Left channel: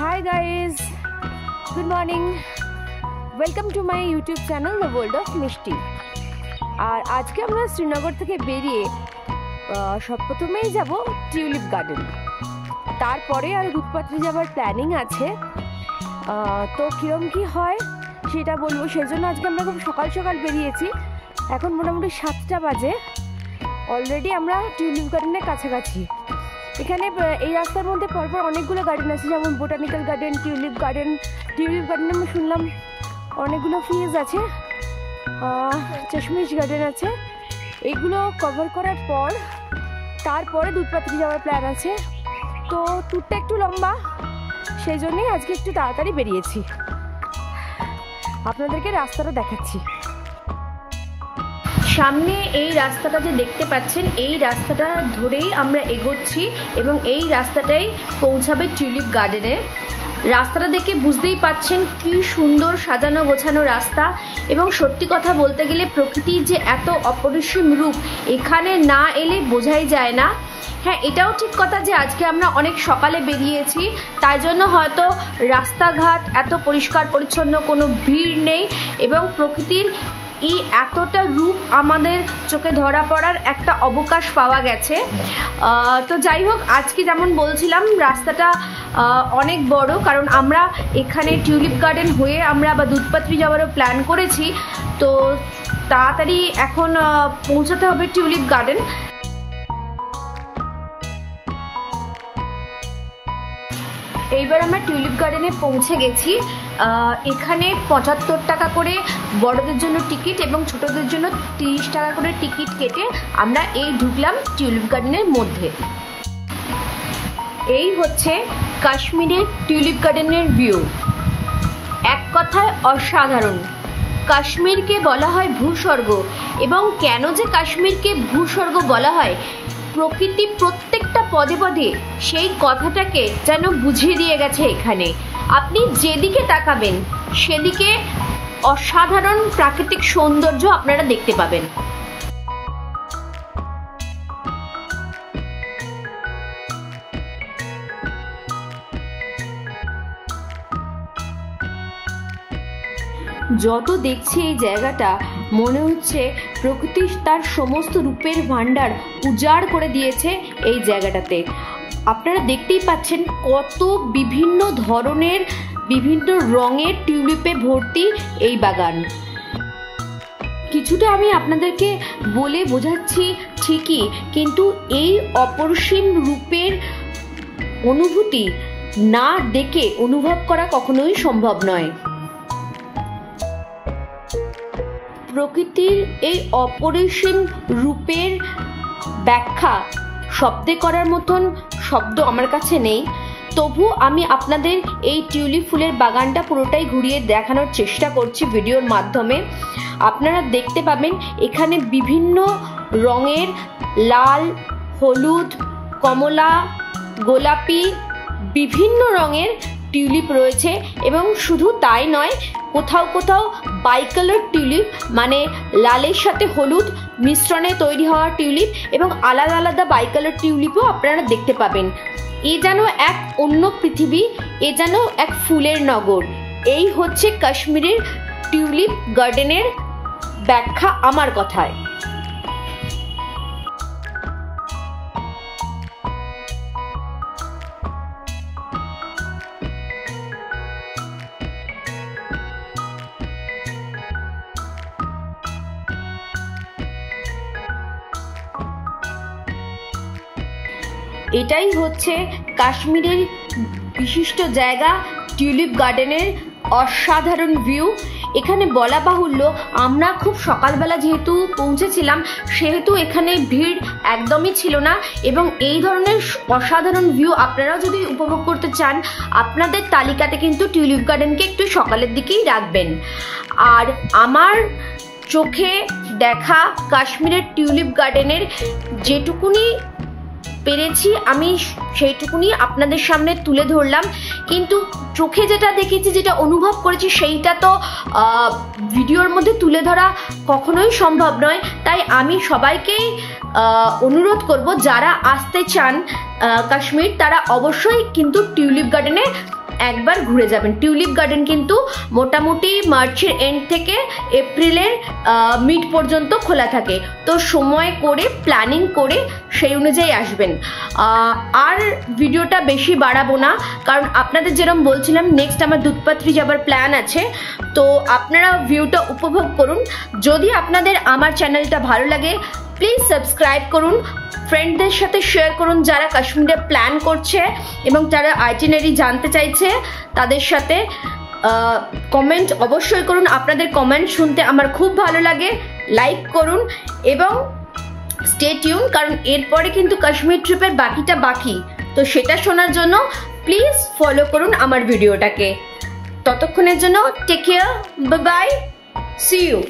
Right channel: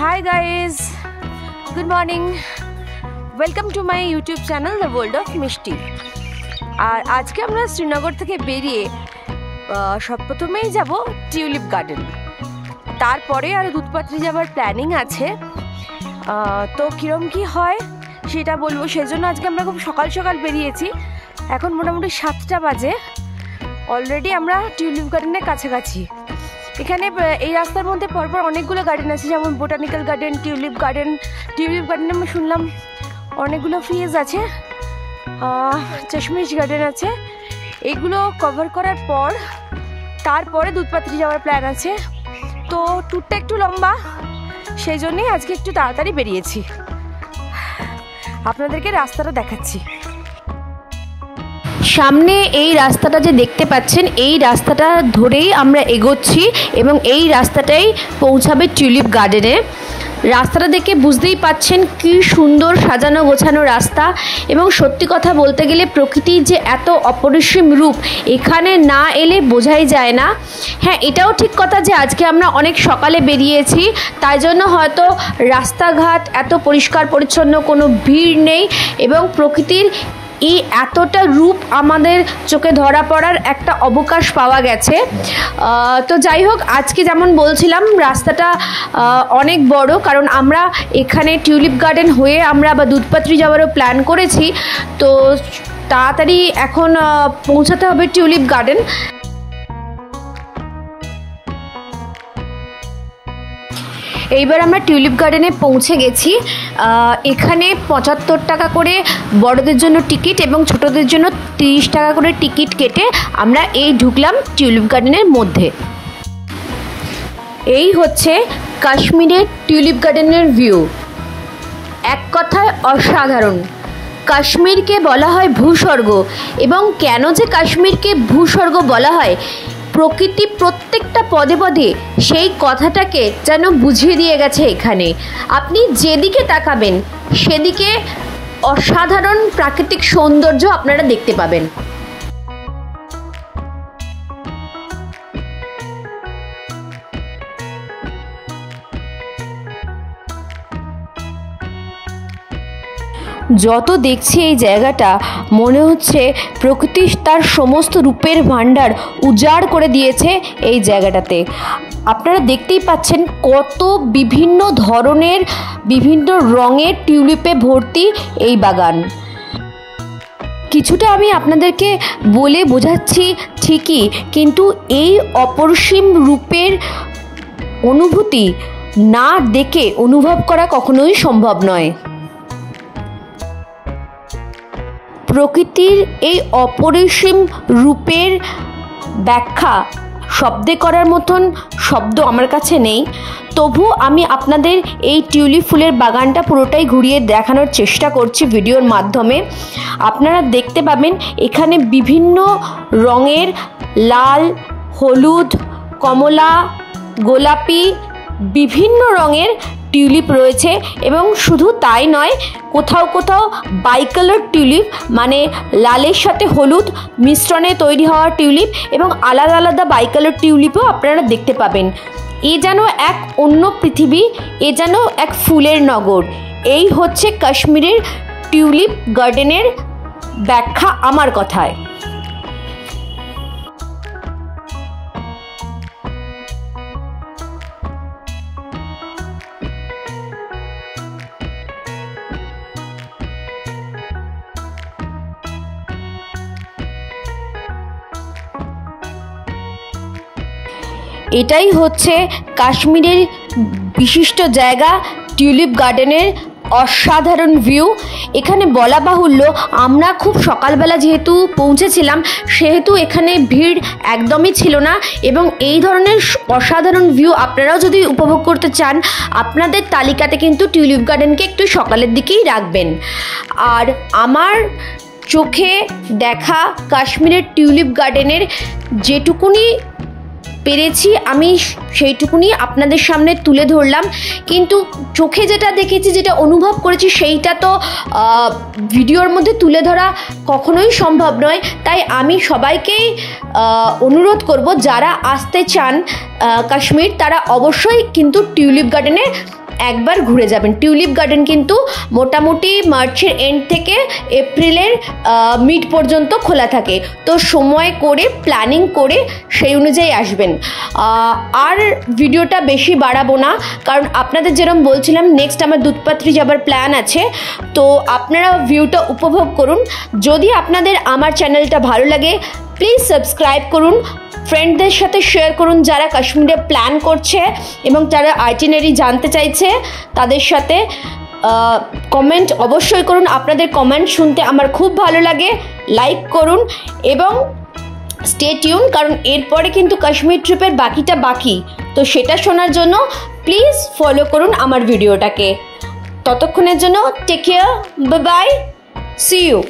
Hi guys, good morning. Welcome to my YouTube channel The World of Mishti. আর আজকে আমরা শ্রীনগর থেকে বেরিয়ে সর্বপ্রথমেই যাব টিউলিপ গার্ডেন, তারপরে আর দুধপাত্রি যাবার প্ল্যানিং আছে। তো কীরকম কী হয় সেটা বলবো, সেজন্য আজকে আমরা খুব সকাল সকাল বেরিয়েছি। এখন মোটামুটি 7টা বাজে। অলরেডি আমরা টিউলিপ গার্ডেনের কাছাকাছি। এখানে এই রাস্তার মধ্যে পরপর অনেকগুলো গার্ডেন আছে, যেমন বোটানিক্যাল গার্ডেন, টিউলিপ গার্ডেনে আমি শুনলাম অনেকগুলো ফিজ আছে, চশমিশ গার্ডেন আছে। এইগুলো কভার করার পর তারপরে দুধপাত্রি যাওয়ার প্ল্যান আছে। তো ট্যুরটা একটু লম্বা, সেই জন্যই আজকে একটু তাড়াতাড়ি বেরিয়েছি। আপনাদেরকে রাস্তাটা দেখাচ্ছি। সামনে এই রাস্তাটা যে দেখতে পাচ্ছেন, এই রাস্তাটা ধরেই আমরা এগোচ্ছি এবং এই রাস্তাটাই পৌঁছাবে টিউলিপ গার্ডেনে। রাস্তাটা দেখে বুঝতেই পাচ্ছেন কি সুন্দর সাজানো গোছানো রাস্তা, এবং সত্যি কথা বলতে গেলে প্রকৃতির যে এত অপরিসীম রূপ এখানে না এলে বোঝাই যায় না। হ্যাঁ, এটাও ঠিক কথা যে আজকে আমরা অনেক সকালে বেরিয়েছি, তাই জন্য হয়তো রাস্তাঘাট এত পরিষ্কার পরিচ্ছন্ন, কোনো ভিড় নেই, এবং প্রকৃতির এই এতটা রূপ আমাদের চোখে ধরা পড়ার একটা অবকাশ পাওয়া গেছে। তো যাই হোক, আজকে যেমন বলছিলাম রাস্তাটা অনেক বড়, কারণ আমরা এখানে টিউলিপ গার্ডেন হয়ে আমরা আবার দুধপাত্রি যাওয়ারও প্ল্যান করেছি। তো তাড়াতাড়ি এখন পৌঁছাতে হবে টিউলিপ গার্ডেন। এইবার আমরা টিউলিপ গার্ডেনে পৌঁছে গেছি। এখানে 75 টাকা করে বড়দের জন্য টিকিট এবং ছোটদের জন্য 30 টাকা করে টিকিট কেটে আমরা ঢুকলাম টিউলিপ গার্ডেনের মধ্যে। এই হচ্ছে কাশ্মীরের টিউলিপ গার্ডেনের ভিউ। এক কথায় অসাধারণ। কাশ্মীরকে বলা হয় ভূস্বর্গ, এবং কেন যে কাশ্মীরকে ভূস্বর্গ বলা হয়, প্রকৃতি প্রত্যেকটা পদে পদে সেই কথাটাকে যেন বুঝিয়ে দিয়ে গেছে এখানে। আপনি যেদিকে তাকাবেন সেদিকে অসাধারণ প্রাকৃতিক সৌন্দর্য আপনারা দেখতে পাবেন। যত দেখছি এই জায়গাটা, মনে হচ্ছে প্রকৃতি তার সমস্ত রূপের ভাণ্ডার উজাড় করে দিয়েছে এই জায়গাটাতে। আপনারা দেখতেই পাচ্ছেন কত বিভিন্ন ধরনের বিভিন্ন রঙের টিউলিপে ভর্তি এই বাগান। কিছুটা আমি আপনাদেরকে বলে বোঝাচ্ছি ঠিকই, কিন্তু এই অপরিসীম রূপের অনুভূতি না দেখে অনুভব করা কখনোই সম্ভব নয়। প্রকৃতির এই অপরিসীম রূপের ব্যাখ্যা শব্দে করার মতন শব্দ আমার কাছে নেই। তবু আমি আপনাদের এই টিউলিপ ফুলের বাগানটা পুরোটাই ঘুরিয়ে দেখানোর চেষ্টা করছি ভিডিওর মাধ্যমে। আপনারা দেখতে পাবেন এখানে বিভিন্ন রঙের লাল, হলুদ, কমলা, গোলাপি বিভিন্ন রঙের টিউলিপ রয়েছে, এবং শুধু তাই নয়, কোথাও কোথাও বাইকালার টিউলিপ, মানে লালের সাথে হলুদ মিশ্রণে তৈরি হওয়া টিউলিপ, এবং আলাদা আলাদা বাইকালার টিউলিপও আপনারা দেখতে পাবেন। এ যেন এক অন্য পৃথিবী, এ যেন এক ফুলের নগর। এই হচ্ছে কাশ্মীরের টিউলিপ গার্ডেনের ব্যাখ্যা আমার কথায়। এটাই হচ্ছে কাশ্মীরের বিশিষ্ট জায়গা টিউলিপ গার্ডেনের অসাধারণ ভিউ। এখানে বলা বাহুল্য, আমরা খুব সকালবেলা যেহেতু পৌঁছেছিলাম সেহেতু এখানে ভিড় একদমই ছিল না, এবং এই ধরনের অসাধারণ ভিউ আপনারাও যদি উপভোগ করতে চান, আপনাদের তালিকাতে কিন্তু টিউলিপ গার্ডেনকে একটু সকালের দিকেই রাখবেন। আর আমার চোখে দেখা কাশ্মীরের টিউলিপ গার্ডেনের যেটুকুনি পেরেছি আমি সেইটুকুনি আপনাদের সামনে তুলে ধরলাম, কিন্তু চোখে যেটা দেখেছি, যেটা অনুভব করেছি, সেইটা তো ভিডিওর মধ্যে তুলে ধরা কখনোই সম্ভব নয়। তাই আমি সবাইকেই অনুরোধ করব, যারা আসতে চান কাশ্মীর, তারা অবশ্যই কিন্তু টিউলিপ গার্ডেনে একবার ঘুরে যাবেন। টিউলিপ গার্ডেন কিন্তু মোটামুটি মার্চের এন্ড থেকে এপ্রিলের মিড পর্যন্ত খোলা থাকে, তো সময় করে প্ল্যানিং করে সেই অনুযায়ী আসবেন। আর ভিডিওটা বেশি বাড়াবো না, কারণ আপনাদের যেরকম বলছিলাম নেক্সট আমার দুধপাত্রি যাবার প্ল্যান আছে, তো আপনারা ভিউটা উপভোগ করুন। যদি আপনাদের আমার চ্যানেলটা ভালো লাগে প্লিজ সাবস্ক্রাইব করুন, ফ্রেন্ডদের সাথে শেয়ার করুন যারা কাশ্মীরে প্ল্যান করছে এবং যারা আইটিনারি জানতে চাইছে তাদের সাথে। কমেন্ট অবশ্যই করুন, আপনাদের কমেন্ট শুনতে আমার খুব ভালো লাগে। লাইক করুন এবং স্টে টিউন, কারণ এরপরে কিন্তু কাশ্মীর ট্রিপের বাকিটা বাকি, তো সেটা শোনার জন্য প্লিজ ফলো করুন আমার ভিডিওটাকে। ততক্ষণের জন্য take care, bye bye, see you.